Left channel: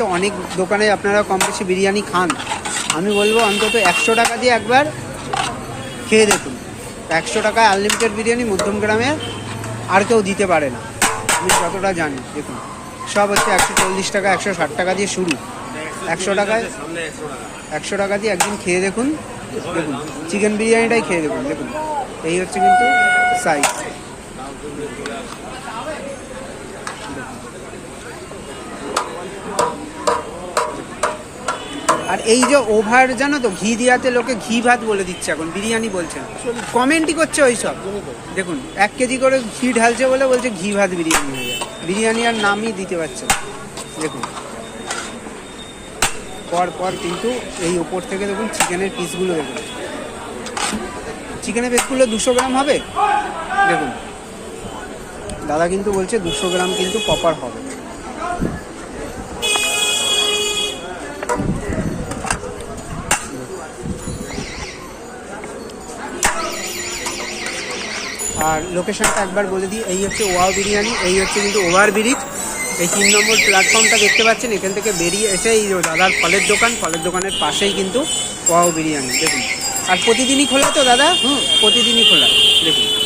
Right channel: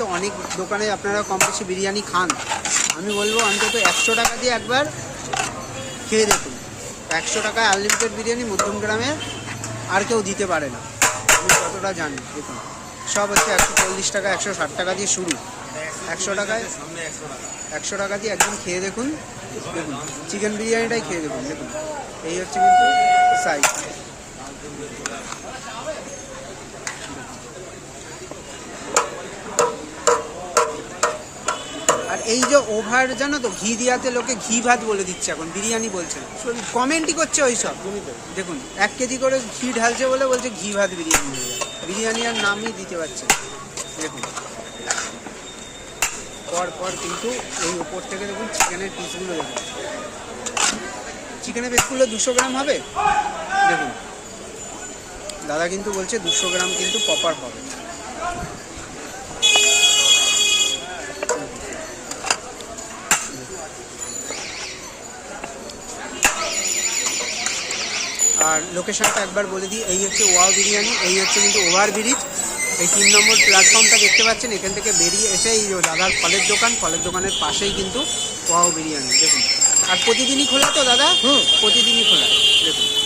তো অনেক দোকানে আপনারা কম বেশি বিরিয়ানি খান। আমি বলব অন্তত একশো টাকা দিয়ে একবার খেয়ে দেখুন। একশো টাকায় আনলিমিটেড বিরিয়ানি মধ্যম গ্রামে আর কেউ দিতে পারে না। আমি যতটা জানি, দেখুন। সব হচ্ছে একশো চল্লিশ টাকা, একশো ষাট টাকা দিয়ে শুরু। একশো টাকায় একশো টাকা দিয়ে একদিন খেয়ে দেখুন। দেখুন চিকেন বিরিয়ানিটাই খেয়ে দেখুন দেখুন। এই হচ্ছে কিন্তু সাইজ আর এই যে ওভার, জানো তো, ঘি দিয়াতে লোকে ঘি ভাত বলে দিচ্ছে এখন, বিরিয়ানি বলছে কমেন্টই করছে ওই সব দেখুন, এক কেজি করে ঘি ঢালছে বলে বলছে ঘি ভাত বিরিয়ানি হয়ে বিরিয়ানি আর নামই দিতে পারছে দেখুন। পর পর কিন্তু এই ওপর থেকে দেখুন চিকেনের পিসগুলো দেখুন চিকেনের পিসগুলো দুশো গ্রাম হবে? দেখুন। দাদা কিন্তু বলছে দুশো গ্রাম কিন্তু প্রপার হবে। আর লোকেশনটা একবার বলে দিই এই হচ্ছে ওয়াও বিরিয়ানি এই হচ্ছে কিন্তু ওভার ব্রিজ। এই তিন নম্বর প্ল্যাটফর্মটা দেখতে পাচ্ছেন এখান থেকে বেরিয়ে এসে এই দাদার ফলের দোকান ফলের দোকানের পাশেই কিন্তু ওয়াও বিরিয়ানি দেখুন। আর প্রতিদিনই খোলা তো দাদা? হুম। প্রতিদিনই খোলা দেখুন।